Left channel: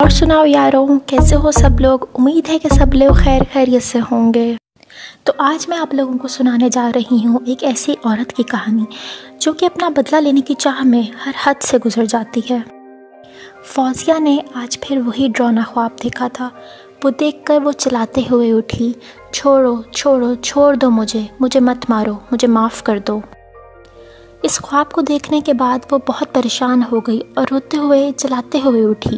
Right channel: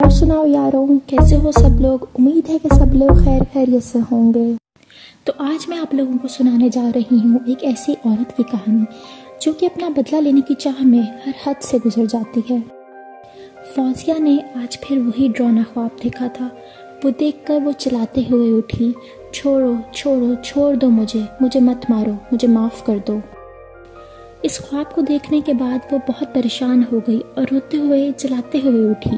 और सुनाओ यारों, कैसे हो सब लोग। उम्मीद है कि सब लोग खैर खैरियत से होंगे। तो आज मैं आप लोगों को सुनाने जा रही हूँ एक ऐसी औरत की कहानी जो कि अपना बदला लेने की चाह में हर हद से गुजर जाती है। फौजिया ने आज फिर वही डरावना ख्वाब देखा था। वो देखकर वो चिल्लाते हुए उठी, छोड़ो छोड़ो, छोड़ दो मुझे मत मारो, मुझे माफ़ कर दो। इस ख्वाब को देखने के बाद वो बहुत परेशान हो गई और रोते हुए चिल्लाते हुए उठी।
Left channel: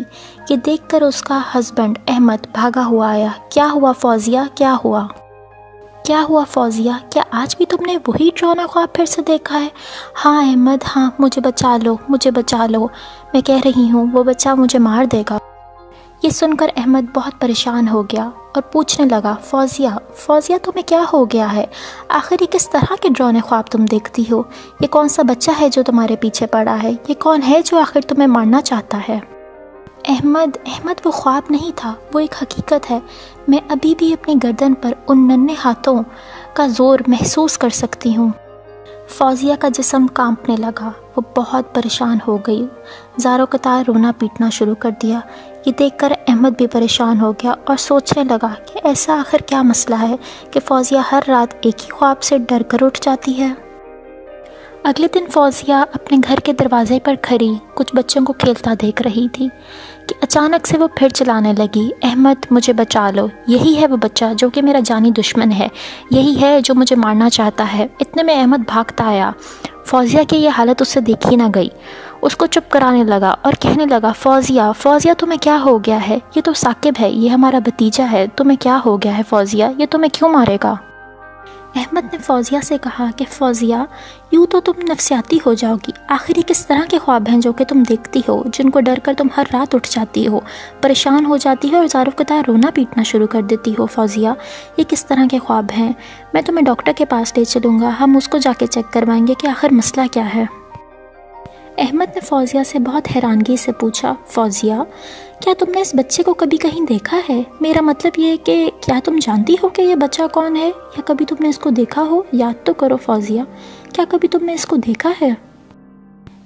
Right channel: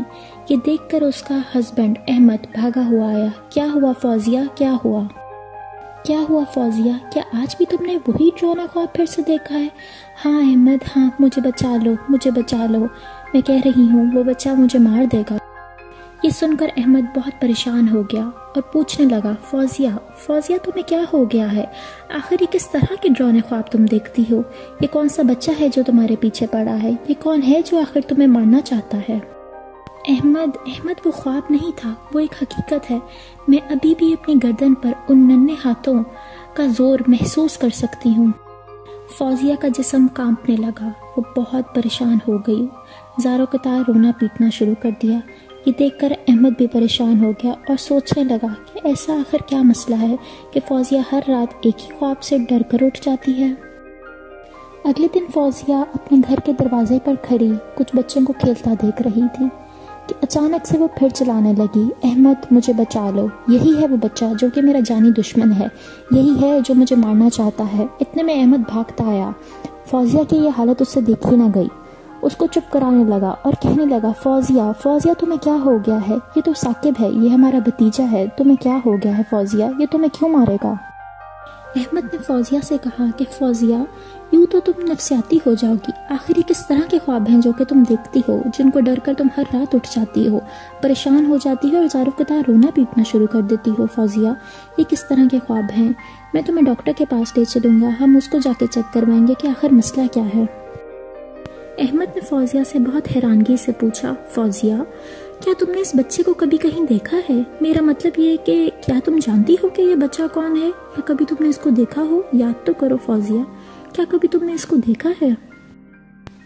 ये देखकर उसका हस्बैंड अहमद भागा हुआ आया। क्या हुआ फौजिया, क्या हुआ? क्या हुआ फौजिया, क्या आज भी तुमने वही डरावना ख्वाब फिर से देखा है? हाँ अहमद, हाँ, मुझे बचा लो, मुझे बचा लो। मैं कह रही हूँ वो बच्चा मुझे मार देगा। ये सुनकर अहमद बहुत परेशान हो गया और पूछने लगा, फौजिया तुम्हें क्या हो गया है? आखिर ये किस तरह के डरावने ख्वाब तुम देखती हो? ये कौन सा बच्चा है जो तुम्हारे पीछे पड़ा है? ये कौन है जो आखिर तुम्हें मारना चाहता है? अहमद, वो ख्वाब नहीं था, वो एक हकीकत है। मैं अभी भी अपनी गर्दन पर उन नन्हे हाथों का जोर महसूस कर सकती हूँ। फौजिया का जिस्म कांपने लगा। वो बहुत परेशान हो गई, ज़ारो कतार रोना पीटना शुरू कर दिया। ये देखकर अहमद भी परेशान हो गया और सोचने लगा कि ऐसा आखिर क्या मसला है कि फौजिया हर रात एक ही ख्वाब से डर कर उठ जाती है। अगले दिन फौजिया अपने घर के दरवाजे पर खड़ी कुछ बच्चों को खेलता देख रही थी कि अचानक से वो फिर चिल्लाने लगी, अहमद मुझे बचा लो, यही है वो बच्चा जो कि मेरा जानी दुश्मन है, यही है जो मुझे मारना चाहता है। इतने में अहमद भागता आया। फौजिया की ये हालत उससे देखी ना गई। उसको चुप कराने लगा और कहने लगा, फौजिया तुम्हें क्या हो गया है? ये तो साकिब है, ये हमारा भतीजा है, तुम्हें क्या हो गया है फौजिया? ये तुम्हें क्यों मारेगा? अहमद ने फौजिया से कहा कि फौजिया, यूँ तो तुम नफसियाती हो जाओगी। आखिर ये किस तरह के ख्वाब हैं जो कि तुम देखती हो, जिनको डर कर तुम हर रात उठ जाती हो, परेशान हो जाती हो और ज़ारो कतार रोना पीटना शुरू कर देती हो? फौजिया, ये किस तरह के ख्वाब हैं? मैं तुम्हें डॉक्टर के पास ले चलूँगा, हम उसको जाके चेक करवाएंगे कि आखिर मसला क्या है। अहमद ने फौजिया से बहुत हैरानगी से पूछा, फौजिया, क्या तुमने इस बच्चे को कभी कहीं देखा है? मेरा मतलब ये है कि क्या तुम जानती हो कि ये बच्चा कौन है, या कभी तुमने इसको देखा हो? याद तो करो फौजिया, क्या कभी तुमने इसको देखा है?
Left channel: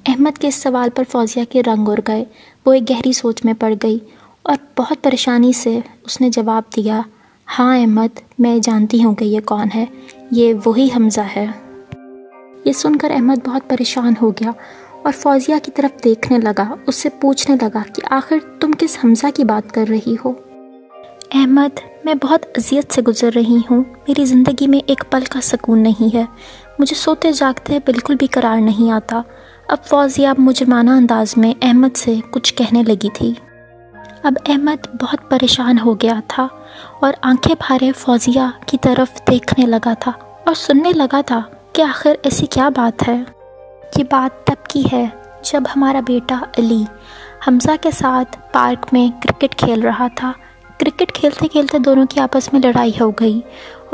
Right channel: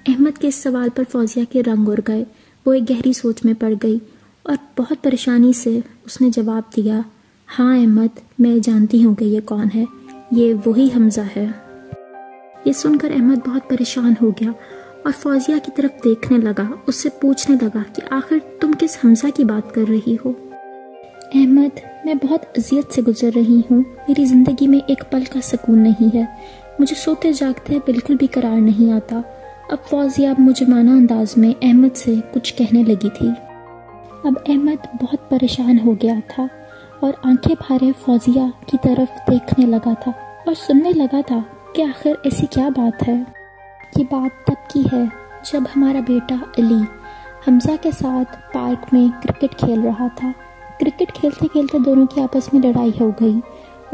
अहमद के इस सवाल पर फौजिया के रंग उड़ गए। वो एक गहरी सोच में पड़ गई और बहुत परेशानी से उसने जवाब दिया, हाँ अहमद, मैं जानती हूँ कि ये कौन है, ये वही हमज़ा है। ये सुनकर अहमद बहुत परेशान हो गया और फौजिया की तरफ देखने लगा। उससे पूछने लगा कि आखिर तुम किस हमज़ा की बात कर रही हो? अहमद, मैं बहुत अजियत से गुजर रही हूँ। मेरी ज़िंदगी में एक पल का सुकून नहीं है। मुझे सोते जागते बिल्कुल भी करार नहीं आता। अब फौजिया मुजरमाना अंदाज में अहमद से कुछ कहने लगी थी। अब अहमद बहुत परेशान हो गया था और आंखें फाड़े फौजिया की तरफ देखने लगा था और सुनने लगा था कि आखिर ऐसी क्या बात है। ये बात तब की है जब हमारा बेटा अली हमज़ा के साथ पार्क में क्रिकेट खेल रहा था। क्रिकेट खेलते खेलते दोनों की आपस में लड़ाई हो गई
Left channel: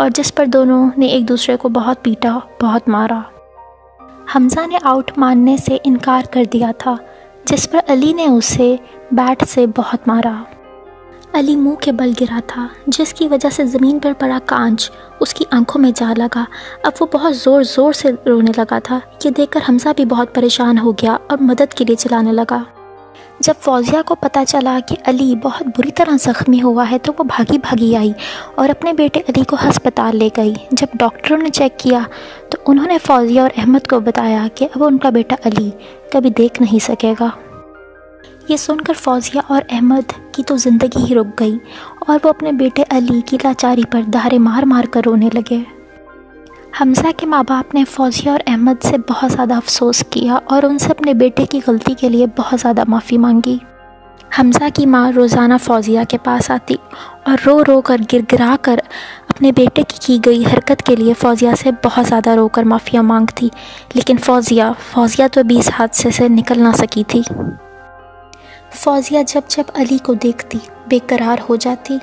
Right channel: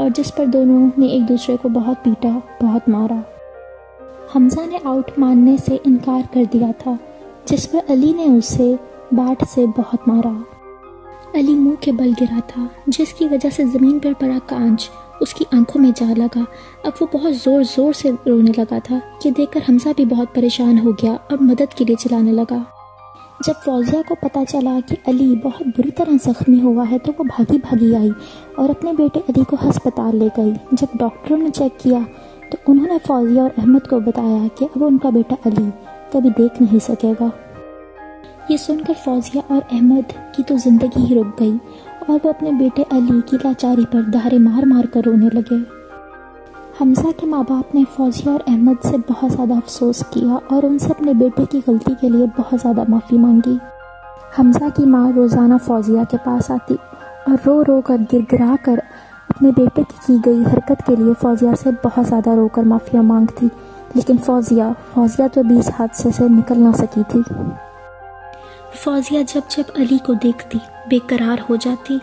और जिस पर दोनों ने एक दूसरे को बहुत पीटा, बहुत मारा। हमज़ा ने आउट मानने से इनकार कर दिया था, जिस पर अली ने उसे बैट से बहुत मारा। अली मुंह के बल गिरा था, जिसकी वजह से ज़मीन पर पड़ा कांच उसकी आंखों में जा लगा। अब वो बहुत ज़ोर ज़ोर से रोने लगा था। ये देखकर हमज़ा भी बहुत परेशान हो गया और मदद के लिए चिल्लाने लगा। जब फौजिया को पता चला कि अली बहुत बुरी तरह ज़ख्मी हुआ है तो वो भागी भागी आई और अपने बेटे अली को अस्पताल ले गई। जब डॉक्टरों ने चेक किया तो उन्होंने फौजिया और अहमद को बताया कि अब उनका बेटा अली कभी देख नहीं सकेगा। ये सुनकर फौजिया और अहमद की तो ज़िंदगी ही रुक गई और वो अपने बेटे अली की लाचारी पर दहाड़े मार मार कर रोने लगे। हमज़ा के माँ बाप ने फौजिया और अहमद से बहुत ज़्यादा अफसोस किया और उनसे अपने बेटे की गलती के लिए बहुत ज़्यादा माफ़ी मांगी। हमज़ा की माँ रोज़ाना फौजिया के पास आती और रो रो कर गिड़गिड़ा कर अपने बेटे की गई हरकत के लिए फौजिया से बहुत ज़्यादा रोकर माफ़िया मांगती, लेकिन फौजिया तो भी इस हादसे से निकल ना सकी थी। फौजिया जब जब अली को देखती बेकरार हो जाती।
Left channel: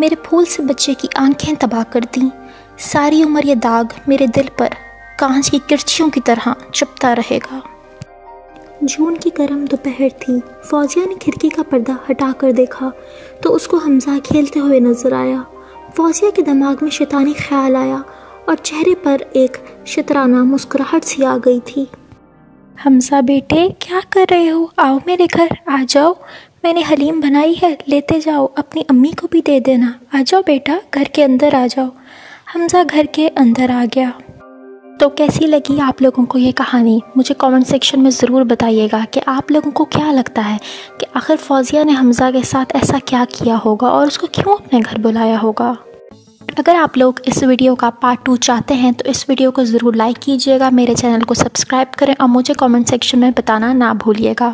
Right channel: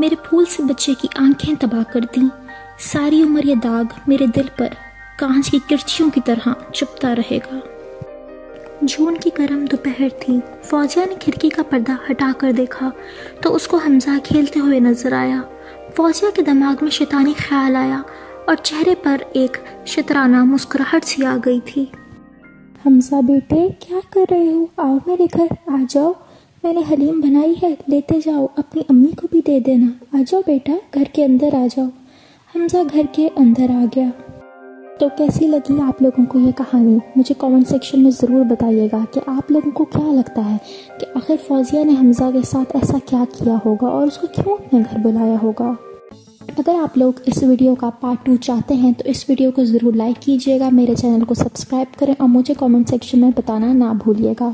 मेरे फूल से बच्चे की आंखें तबाह कर दी। सारी उम्र ये दाग मेरे दिल पर कांच की किरचियों की तरह चुभता रहेगा। जून की गर्म दोपहर थी। फौजिया ने खिड़की का पर्दा हटा कर देखा तो उसको हमज़ा खेलते हुए नजर आया। फौजिया के दिमाग में शैतानी ख्याल आया और चेहरे पर एक शतराना मुस्कुराहट सी आ गई थी। हमज़ा बेटे, क्या कर रहे हो? आओ मेरे घर, आ जाओ, میں نے حلیم بنائی ہے، لیتے جاؤ، اپنی امی کو بھی دے دینا، آ جاؤ بیٹا گھر کے اندر آ جاؤ۔ حمزہ گھر کے اندر آ گیا۔ تو کیسی لگی آپ لوگوں کو یہ کہانی؟ مجھے کامنٹ سیکشن میں ضرور بتائیے گا کہ آپ لوگوں کو کیا لگتا ہے کہ آخر فوزیہ نے حمزہ کے ساتھ ایسا کیا کیا ہوگا اور اس کو کیوں اپنے گھر بلایا ہوگا۔ اگر آپ لوگ اس ویڈیو کا پارٹ 2 چاہتے ہیں تو اس ویڈیو کو ضرور لائک کیجیے گا، میرے چینل کو سبسکرائب کریں اور مجھے کامنٹ سیکشن میں بتانا نہ بھولیے گا۔